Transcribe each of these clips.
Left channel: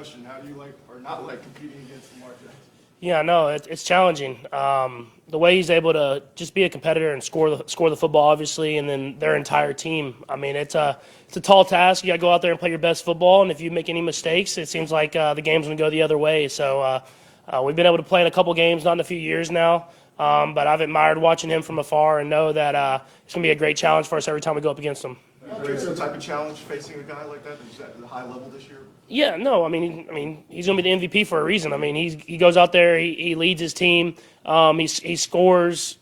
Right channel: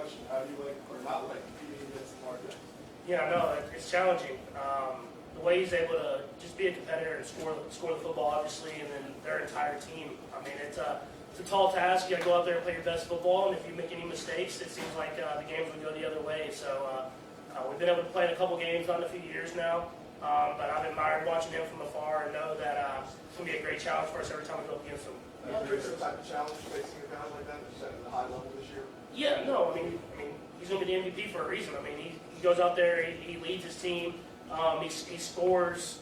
question. How do you like or not like competing against Lamar Jackson? Yeah, no, it's challenging. The way he's able to just be a competitor and score the football, obviously, and then their entire team. I mean, it's a tall task. You got to go out there and play your best football, and if you make any mistakes, it seems like the game's going to go the other way. So we've been able to play in a couple games, not in a few years now, but I've admired watching him from afar and know that it's going to be a great challenge for us every time we go up against him. Is there some type of challenge facing a guy like that who's at the high level this year? Yeah, no, I mean, he's going to be the MVP for a reason. I mean, he goes out there, he leads his team, he scores,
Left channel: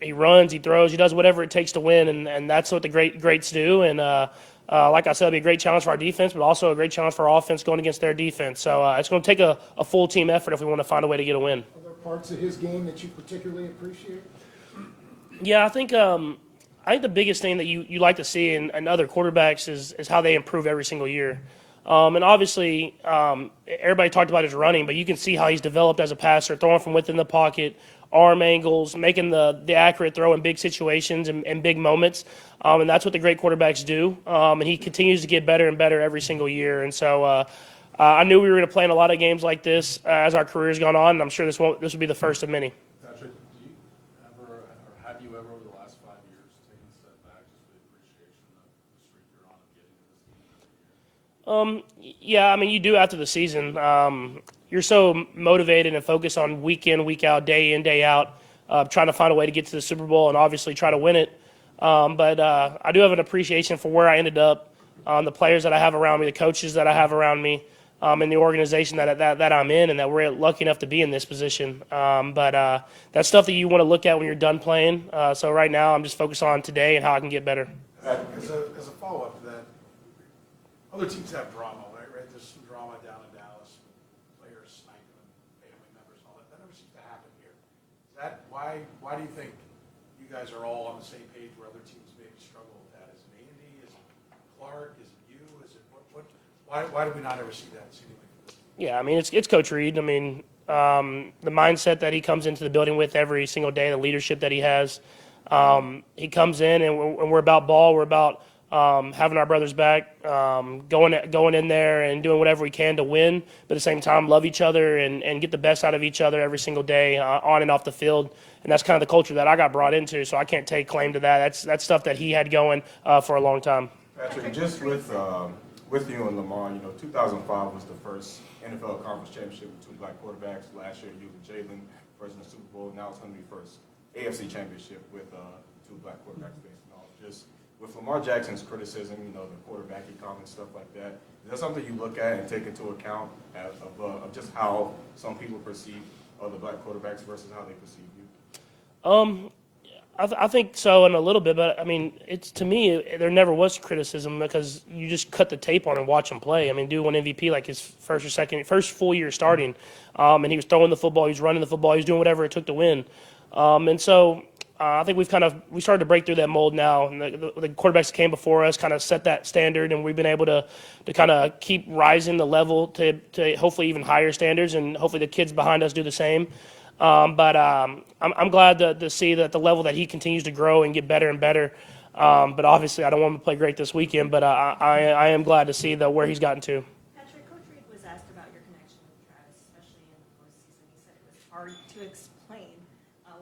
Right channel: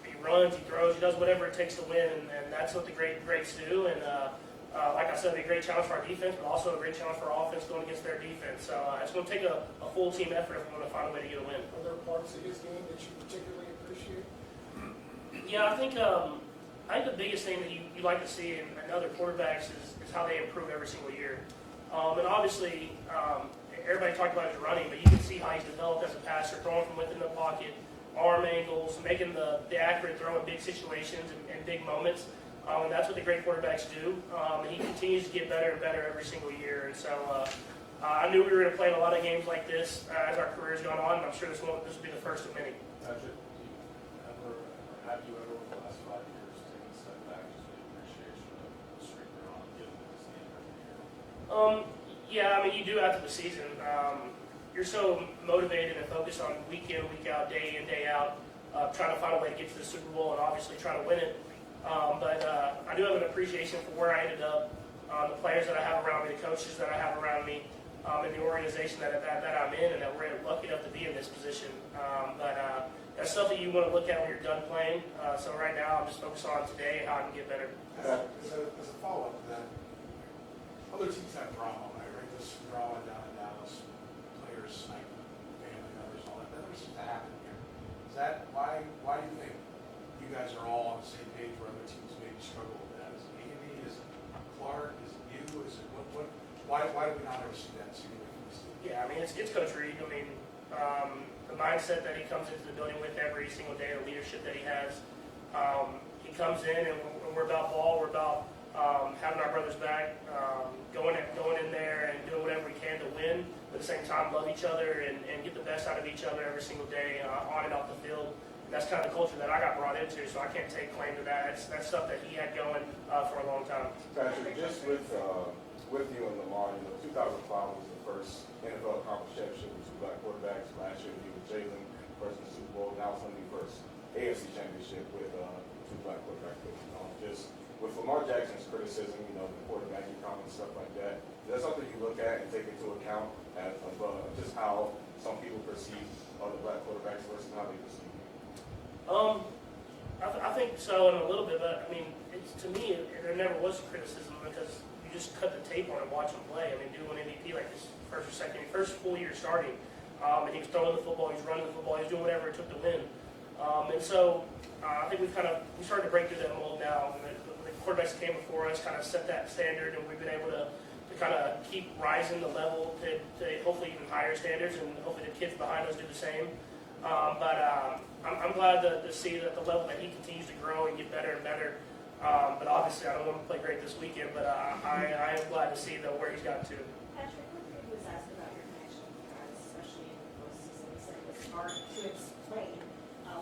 he runs, he throws, he does whatever it takes to win, and that's what the greats do. And like I said, it'll be a great challenge for our defense, but also a great challenge for our offense going against their defense. So it's going to take a full team effort if we want to find a way to get a win. Are there parts of his game that you particularly appreciate? Yeah, I think the biggest thing that you like to see in other quarterbacks is how they improve every single year. And obviously, everybody talked about his running, but you can see how he's developed as a passer, throwing from within the pocket, arm angles, making the accurate throw in big situations and big moments. And that's what the great quarterbacks do. And he continues to get better and better every single year. And so I knew we were going to play in a lot of games like this as our career's gone on, and I'm sure this will be the first of many. Patrick, do you ever, or have you ever, over the last 5 years, taken a step back just with appreciation of the streak they're on, given this game every year? Yeah, I mean, you do after the season. You're so motivated and focused on week in, week out, day in, day out, trying to find a way to get to the Super Bowl and obviously try to win it. But I do have an appreciation for where I ended up, the players that I have around me, the coaches that I have around me, and the organization that I'm in, and that we're lucky enough to be in this position. But that's stuff that you want to look at when you're done playing. So right now, I'm just focused on today and how I can get better. As a follow-up to that, other teams have drama, right? This drama down in Dallas, players sniping, family members, all that. That never seems to happen here. Is that why do you think you guys are all on the same page where other teams maybe struggle with that? Is it Andy? Is it Clark? Is it you? Is it what? Why do we not ever see that? Yeah, I mean, it's Coach Reed. I mean, the mindset that he comes into the building with every single day, the leadership that he has. He comes in and we're about ball. We're about having our brothers back, going in there and doing whatever we can to win, but at the same time love each other and get the best out of each other every single day on and off the field. And that's kind of the culture that I got brought into, so I can't take claim to that. That's stuff that he had going for a long time. Patrick, just with you and Lamar, 2005 was the first NFL Conference Championship with two black quarterbacks. Last year, you with Jalen, first in the Super Bowl. Now it's going to be first AFC Championship with two black quarterbacks. Just with Lamar Jackson's criticism, the quarterbacking comments, stuff like that, is that something you look at and take into account of just how some people perceive the black quarterbacks versus how they perceive you? I think so in a little bit, but I mean, to me, there never was criticism because you just cut the tape on and watch him play. I mean, dude won MVP like his first full year starting, and he was throwing the football, he was running the football, he was doing whatever it took to win. And so I think we started to break through that mold now. And the quarterbacks that came before us kind of set that standard, and we've been able to kind of keep rising the level to hopefully even higher standards, and hopefully the kids behind us do the same. But I'm glad to see that the level that he continues to grow and get better and better. But obviously, I don't want him to play great this weekend, but I am glad to see where he's gotten to. Patrick, Coach Reed was asked about your connection with you guys, especially in the postseason. He said it was hard to explain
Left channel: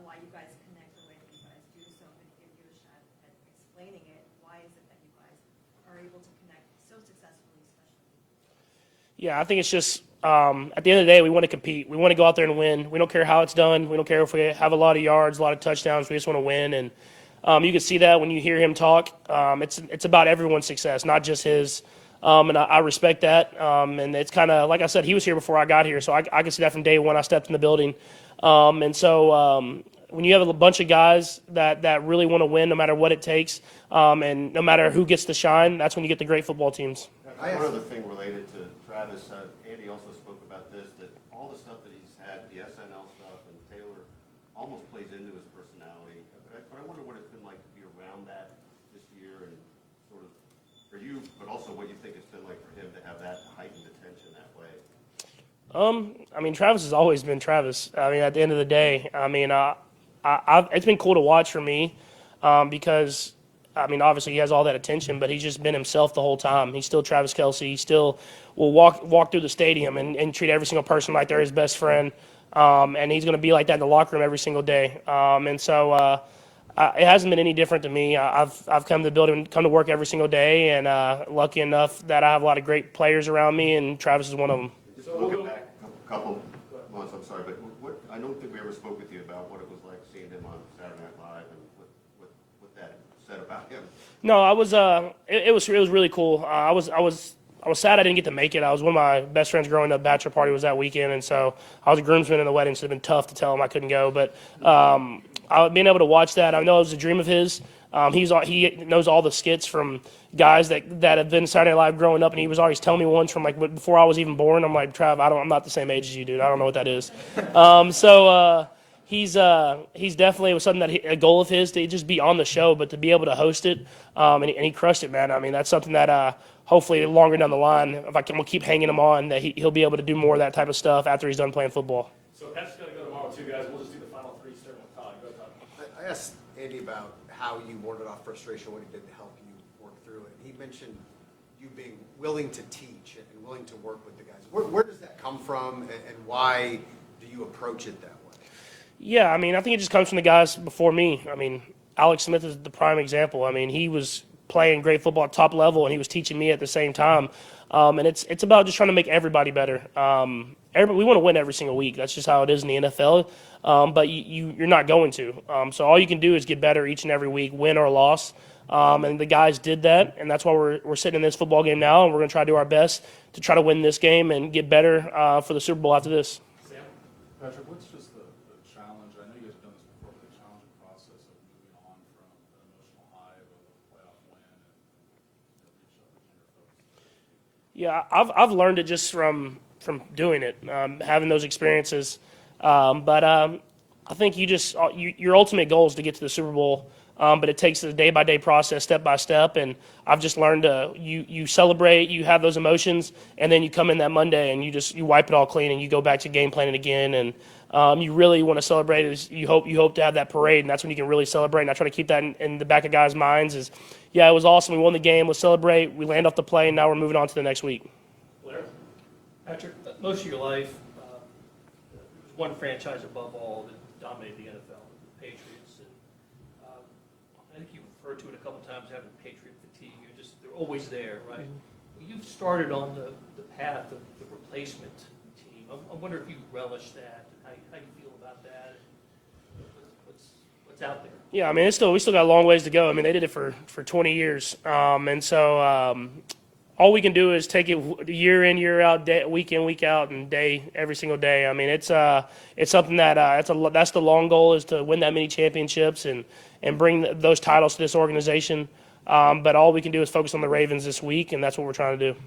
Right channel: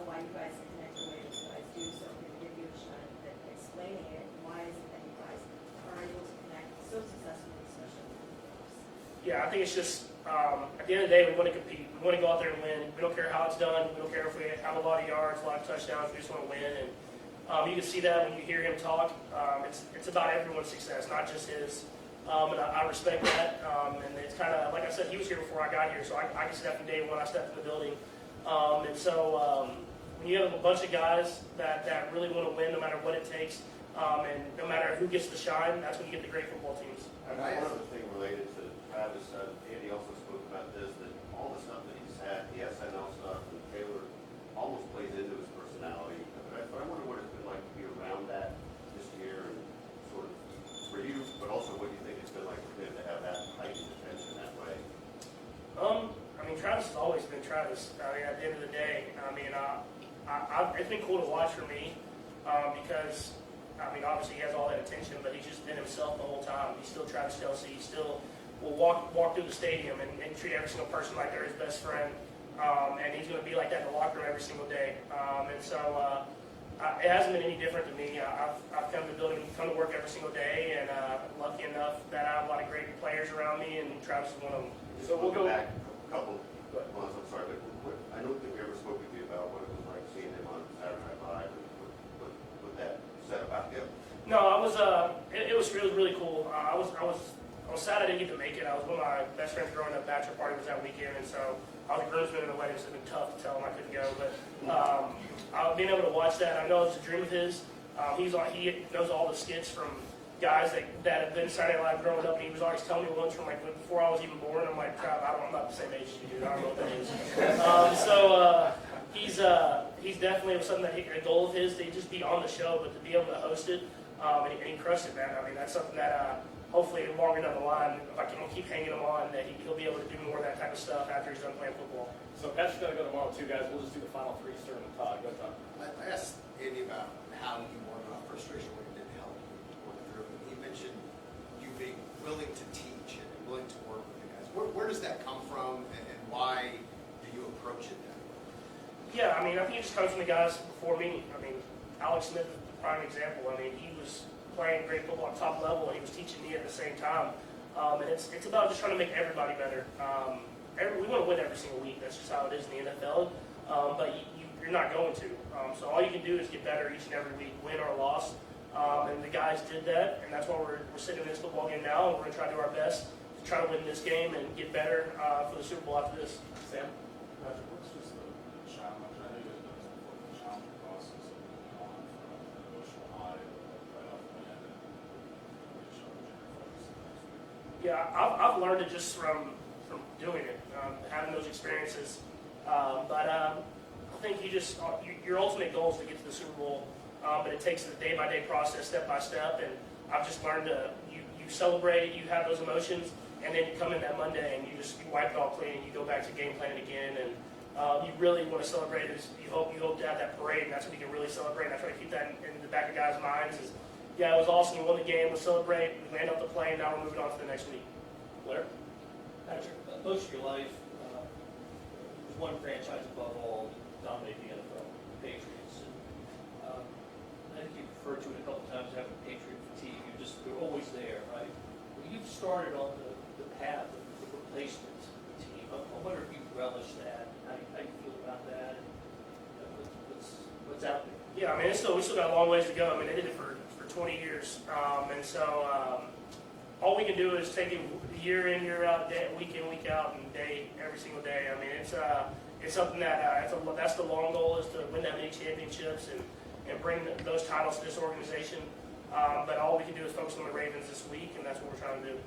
why you guys connect the way that you guys do. So if we could give you a shot at explaining it, why is it that you guys are able to connect so successfully, especially in the playoffs? Yeah, I think it's just at the end of the day, we want to compete. We want to go out there and win. We don't care how it's done. We don't care if we have a lot of yards, a lot of touchdowns. We just want to win. And you can see that when you hear him talk. It's about everyone's success, not just his. And I respect that. And it's kind of, like I said, he was here before I got here, so I can see that from day one I stepped in the building. And so when you have a bunch of guys that really want to win no matter what it takes, and no matter who gets the shine, that's when you get the great football teams. One other thing related to Travis, Andy also spoke about this, that all the stuff that he's had, the SNL stuff, and Taylor almost plays into his personality. But I wonder what it's been like to be around that this year, and sort of for you, but also what you think it's been like for him to have that heightened attention that way. I mean, Travis has always been Travis. I mean, at the end of the day, I mean, it's been cool to watch for me because I mean, obviously he has all that attention, but he's just been himself the whole time. He's still Travis Kelce. He still will walk through the stadium and treat every single person like they're his best friend. And he's going to be like that in the locker room every single day. And so it hasn't been any different to me. I've come to the building, come to work every single day, and lucky enough that I have a lot of great players around me, and Travis is one of them. Just looking back a couple months, I'm sorry, but I don't think we ever spoke with you about what it was like seeing him on Saturday Night Live and what that said about him. No, I was. It was really cool. I was sad I didn't get to make it. I was one of my best friends growing up. Bachelor party was that weekend, and so I was a groomsman in the wedding. So it'd been tough to tell him I couldn't go. But being able to watch that, I know it was a dream of his. He knows all the skits from guys that have been Saturday Night Live growing up, and he was always telling me ones from like before I was even born. I'm like, Trav, I'm not the same age as you, dude. I don't know what that is. He's definitely, it was something that a goal of his to just be on the show, but to be able to host it, and he crushed it, man. I mean, that's something that hopefully longer down the line, if we'll keep hanging him on, that he'll be able to do more of that type of stuff after he's done playing football. So Pat's gonna go tomorrow too, guys. We'll just do the final three, starting with Todd. Go Todd. I asked Andy about how you warded off frustration when it didn't help you work through it. And he mentioned you being willing to teach and willing to work with the guys. Where does that come from, and why do you approach it that way? Yeah, I mean, I think it just comes from the guys before me. I mean, Alex Smith is the prime example. I mean, he was playing great football at top level, and he was teaching me at the same time. And it's about just trying to make everybody better. We want to win every single week. That's just how it is in the NFL. But you're not going to. So all you can do is get better each and every week, win or loss. And the guys did that, and that's why we're sitting in this football game now, and we're going to try to do our best to try to win this game and get better for the Super Bowl after this. Sam? Patrick, what's just the challenge? I know you guys know it's important, the challenge process of moving on from an emotional high right off the end and recharging your focus. Yeah, I've learned it just from doing it, having those experiences. But I think your ultimate goal is to get to the Super Bowl, but it takes a day-by-day process, step by step. And I've just learned you celebrate, you have those emotions, and then you come in that Monday and you wipe it all clean and you go back to game planning again. And you really want to celebrate. Is you hope to have that parade, and that's when you can really celebrate. And I try to keep that in the back of guys' minds. Is yeah, it was awesome. We won the game. Let's celebrate. We land off the plane. Now we're moving on to the next week. Blair? Patrick, most of your life, there's one franchise above all that dominated the NFL, the Patriots. And, I think you referred to it a couple times, having Patriot fatigue. You're always there, right? Well, you've started on the path of the replacement team. I wonder if you relish that, how you feel about that, and what's out there. Yeah, I mean, we still got a long ways to go. I mean, they did it for 20 years, and so all we can do is take it year in, year out, week in, week out, and every single day. I mean, it's something that that's the long goal, is to win that many championships and bring those titles to this organization. But all we can do is focus on the Ravens this week, and that's what we're trying to do.